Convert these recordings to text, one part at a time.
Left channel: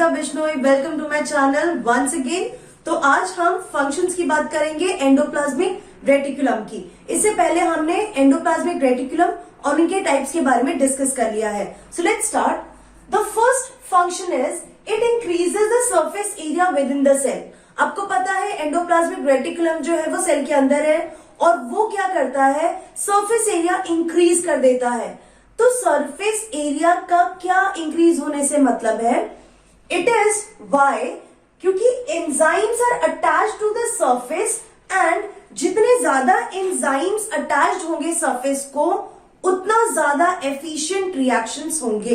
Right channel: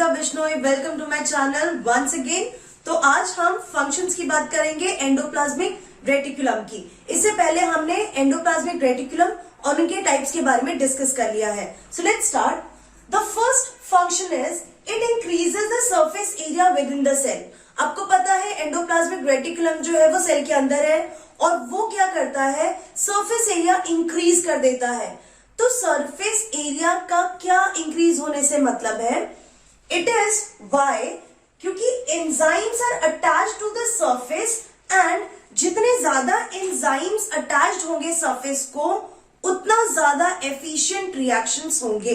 Sangeeta Bishnoi, welcome to my channel once again. तो आज हम फंक्शंस की बात करेंगे एंडोप्लाज्मिक रेटिकुलम की। इससे पहले हमने एंडोप्लाज्मिक रेटिकुलम और उनके टाइप्स के बारे में डिस्कस कर लिया है। So let's start. The first function is it increases the surface area within the cell. आपको पता है एंडोप्लाज्मिक रेटिकुलम जो है वो सेल के अंदर है और वो क्या करता है, सरफेस एरिया इंक्रीज कर देता है। तो सरफेस एरिया का क्या इंक्रीज होने से मतलब है, इट इज वाई, क्योंकि enzymes are attached to the surface and जितने ज्यादा एंजाइम्स अटैच्ड होंगे सरफेस को उतना ज्यादा एफिशिएंट रिएक्शंस होंगे।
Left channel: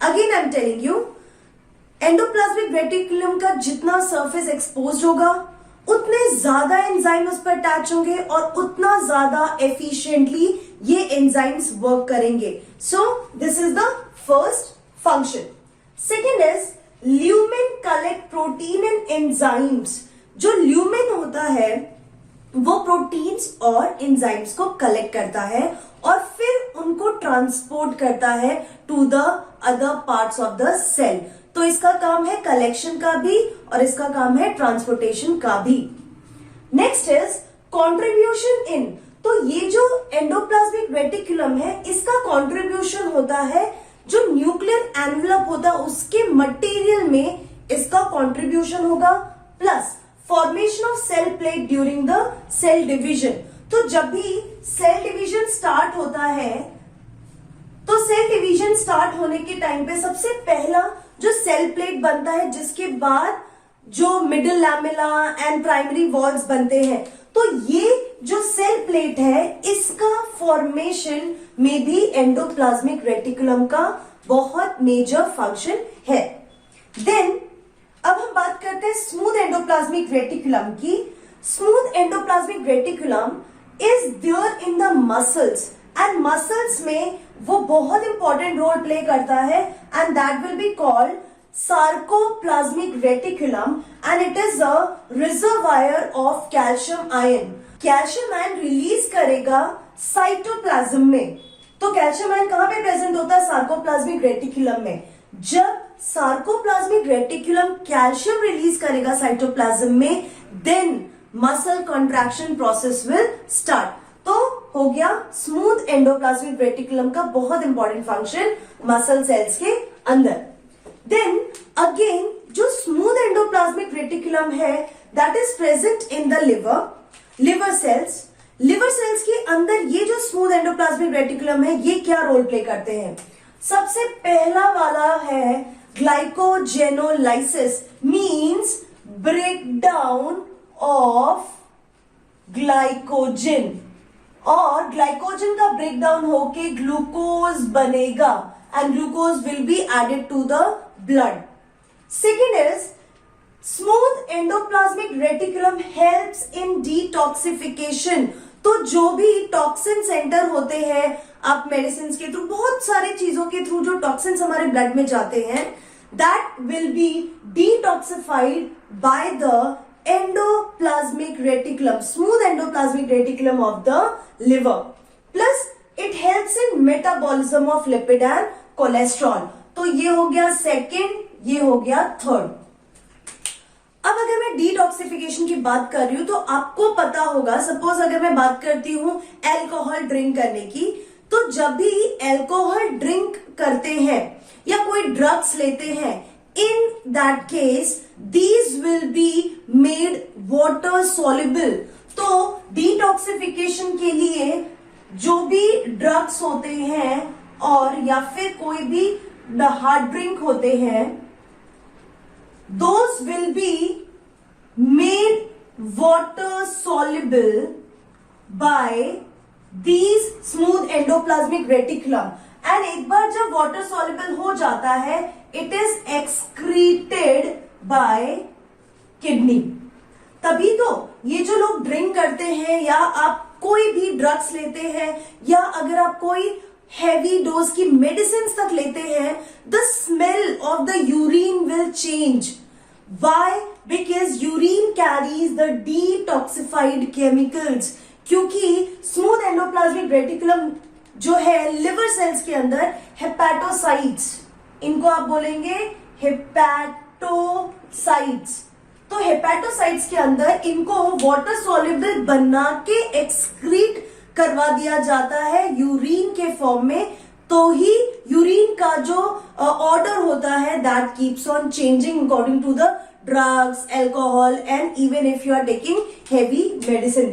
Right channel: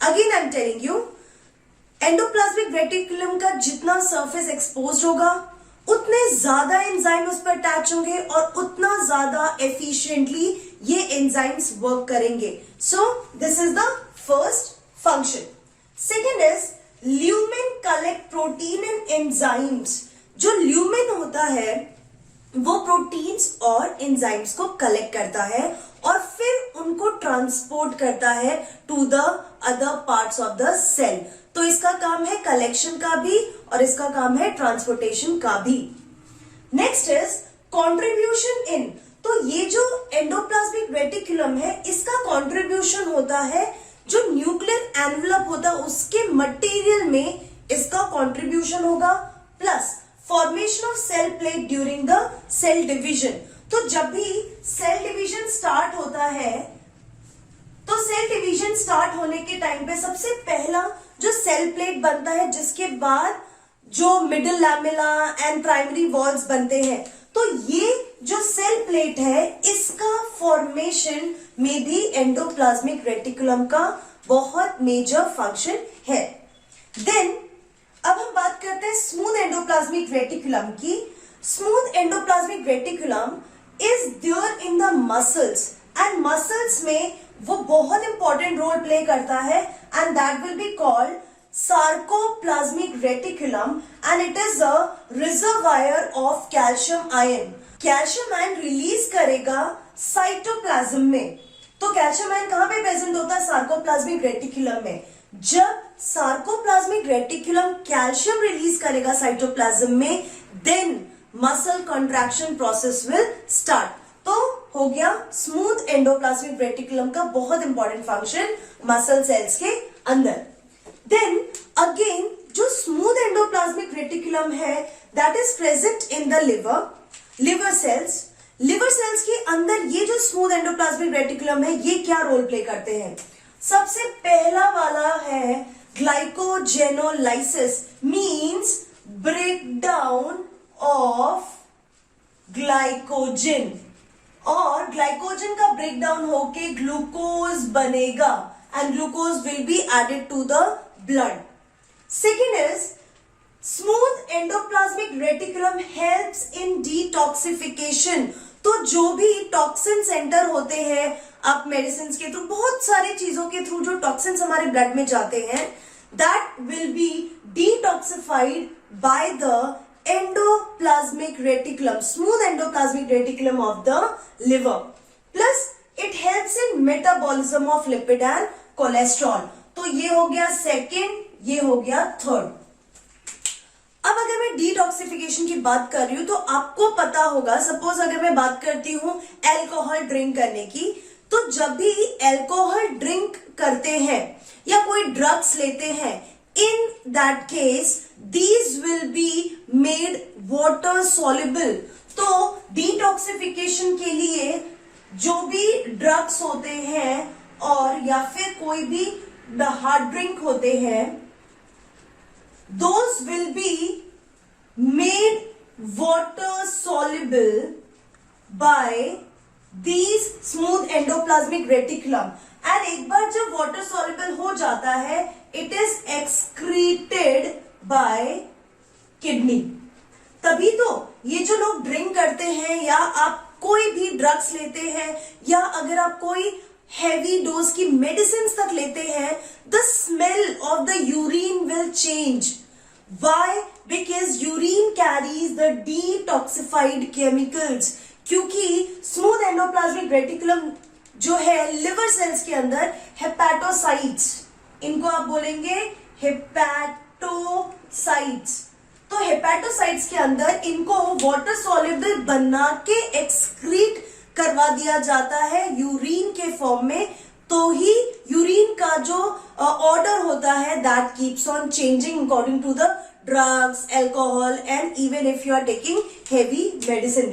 Again I am telling you, endoplasmic reticulum का जितना सरफेस एक्सपोज होगा उतने ज्यादा एंजाइम उस पर अटैच होंगे और उतना ज्यादा एफिशिएंटली ये एंजाइम्स वर्क करेंगे। So this is the first function. Second is lumen collect protein and enzymes. जो ल्यूमेन होता है वो प्रोटीन्स और एंजाइम्स को कलेक्ट करता है और फिर उनको ट्रांसपोर्ट करता है to the other parts of the cell. तो इसका काम है कलेक्शन का भी और इसका काम है ट्रांसपोर्टेशन का भी। Next is contribution in. तो ये जो एंडोप्लाज्मिक रेटिकुलम है इसका कंट्रीब्यूशन होता है जो न्यूक्लियर एनवेलप होता है उसके मटेरियल में इसका कंट्रीब्यूशन होगा, plus formation of cell plate during the cell division. तो जब भी सेल डिवीजन स्टार्ट होता है तो सेल डिवीजन स्टार्ट होने के टाइम पे सबसे पहला जो सेल प्लेट बनता है जिसके बाद जो middle lamella and primary walls बनते हैं। तो ये जो सेल प्लेट है इसका फॉर्मेशन में भी एंडोप्लाज्मिक रेटिकुलम का बहुत मेजर फंक्शन है। देन अब हम बात करते हैं स्मूथ एंडोप्लाज्मिक रेटिकुलम की। Smooth endoplasmic reticulum is there in the muscles and muscles में वो बहुत इंपॉर्टेंट रोल प्ले करता है and that will be called sarcoplasmic reticulum and it is a reservoir of calcium ion. Calcium ion release करेगा cytoplasm में। तो calcium ion कहां पे प्रेजेंट होता है, सार्कोप्लाज्मिक रेटिकुलम में। जब सार्कोप्लाज्मिक रेटिकुलम कैल्शियम रिलीज करेगा साइटोप्लाज्म में, then muscle contraction process will start. तो हो गया स्मूथ एंडोप्लाज्मिक रेटिकुलम का बहुत इंपॉर्टेंट फंक्शन मसल सेल्स के अंदर। देन अगेन जो स्मूथ एंडोप्लाज्मिक रेटिकुलम है that is present in the liver cells. Liver cells के अंदर ये जो स्मूथ एंडोप्लाज्मिक रेटिकुलम है ये क्या रोल प्ले करते हैं। सबसे पहला वाला है glycogenolysis, means breakdown of glycogen, और ग्लाइकोजन का ब्रेकडाउन होके ग्लूकोज बनेगा and glucose will be added to the blood. Second is smooth endoplasmic reticulum helps in detoxification. तो जो भी टॉक्सिन सेंटर होते हैं, आप मेडिसिन के थ्रू बहुत सारी चीजों के थ्रू जो टॉक्सिन्स हमारे ब्लड में जाते हैं that will B detoxified by the endoplasmic reticulum, smooth endoplasmic reticulum of the liver. Plus it helps in metabolism of lipid and cholesterol. तो ये हो गया सेकेंड, ये हो गया थर्ड। अब अगर मैं डिटॉक्सिफिकेशन की बात कर रही हूं तो आपको पता होगा, सपोज अगर मैं बात करती हूं अल्कोहल ड्रिंक करने की, तो जब भी अल्कोहल ड्रिंक करते हैं या कोई ड्रग्स लेते हैं, in that case these will be made water soluble। तो डिटॉक्सिफिकेशन के लिए जो भी ड्रग्स होते हैं और या फिर कोई भी हार्ड ड्रिंक होते हैं, those will be made water soluble by these smooth endoplasmic reticulum। And एक बार जब वाटर सॉल्युबल हो जाता है it is excreted by kidney. तभी तो ये जो लोग ड्रिंक करते हैं या आप कोई भी ड्रग्स लेते हैं या अगर आप कोई हैवी डोज की मेडिसिन तक लेते हैं, the smell of the urine will change. Why? Because urine carries the detoxified chemicals. क्योंकि स्मूथ एंडोप्लाज्मिक रेटिकुलम जो है लिवर सेल्स के अंदर हेपेटोसाइट्स, इनको आप बोलेंगे हेपैट हेपेटोसाइट्स। तो हेपेटोसाइट्स के अंदर इनको वाटर सॉल्युबल बना के एक्सक्रीट करवा दिया जाता है यूरिन के फॉर्म में। तो ही यूरिन का जो ऑर्डर होता है that keeps on changing according to the drugs, alcohol and even if you are taking heavy medicine.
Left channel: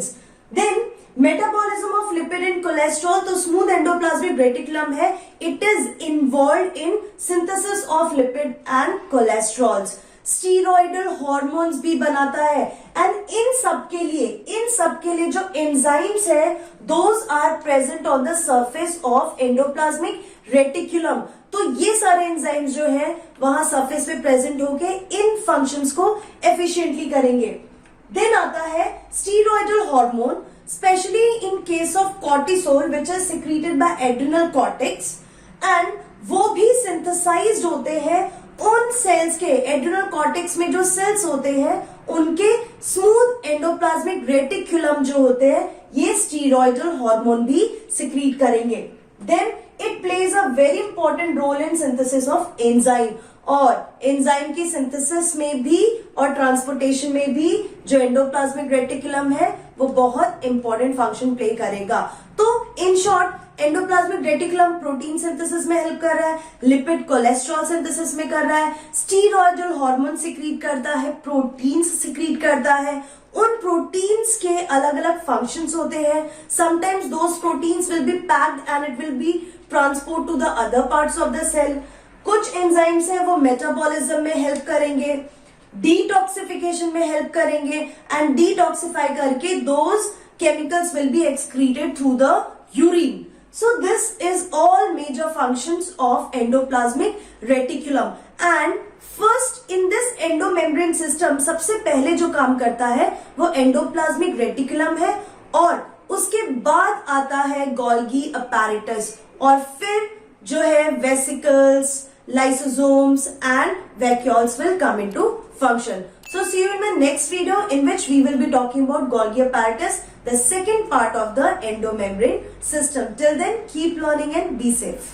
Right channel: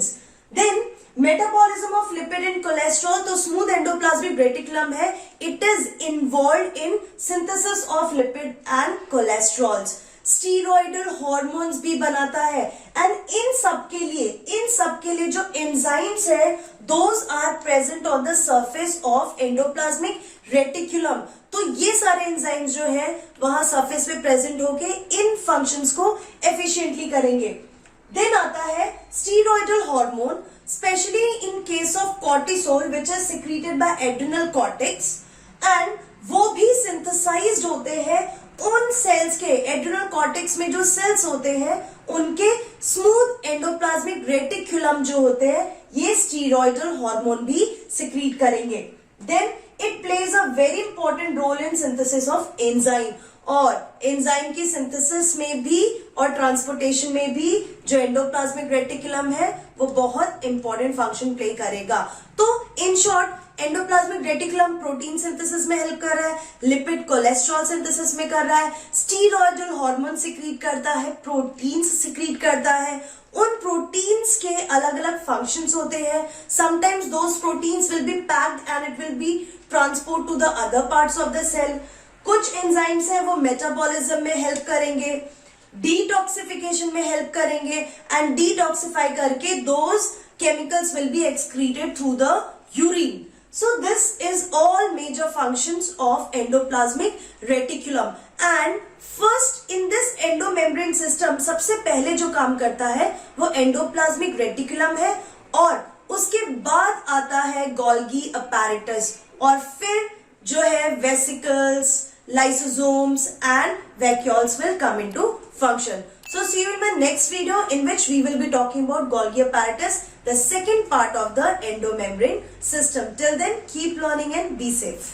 Then metabolism of lipid and cholesterol. तो स्मूथ एंडोप्लाज्मिक रेटिकुलम है, it is involve in synthesis of lipid and cholesterols. Steroidal hormones भी बनाता है and in सब के लिए जो enzymes है those are present on the surface of endoplasmic reticulum. तो ये सारे एंजाइम्स जो है वहां सरफेस पे प्रेजेंट होके इन फंक्शंस को एफिशिएंटली करेंगे। देन आता है steroidal hormone, specially in case of cortisol which is secreted by adrenal cortex and वो भी सिंथेसाइज्ड होते हैं उन सेल्स के, एड्रिनल कॉर्टेक्स में जो सेल्स होते हैं उनके स्मूथ एंडोप्लाज्मिक रेटिकुलम जो होते हैं ये स्टीरॉयडल हार्मोन भी सिक्रीट करेंगे। Then it plays a very important role in synthesis of enzyme, और एंजाइम की सिंथेसिस में भी और ट्रांसपोर्टेशन में भी जो एंडोप्लाज्मिक रेटिकुलम है वो बहुत इंपॉर्टेंट फंक्शन प्ले करेगा। तो in short endoplasmic reticulum protein synthesis में हेल्प कर रहा है, लिपिड कोलेस्ट्रॉल सिंथेसिस में कर रहा है, स्टीरॉयडल हार्मोन सिक्रीट करता है, प्रोटीन्स सिक्रीट करता है। उन प्रोटीन्स के अलग अलग फंक्शंस होते हैं। Sometimes those proteins will be packed and it will be transport to the other parts of the cell. कुछ एंजाइम्स हैं वो मेटाबॉलिज्म में हेल्प करेंगे, डिटॉक्सिफिकेशन में हेल्प करेंगे एंड डिटॉक्सिफाई करके those chemicals will be excreted through the urine. So this is all major functions of endoplasmic reticulum and first in this endomembrane system सबसे पहले जो काम करता है वो एंडोप्लाज्मिक रेटिकुलम है और उसके बाद आता है गोल्गी अपैरेटस और फिर जो है vesicles, lysosomes and vacuoles will come into function. So see you in my next video in which we will be talking about Golgi apparatus, the second part of the endomembrane system. Till then, keep learning and be safe.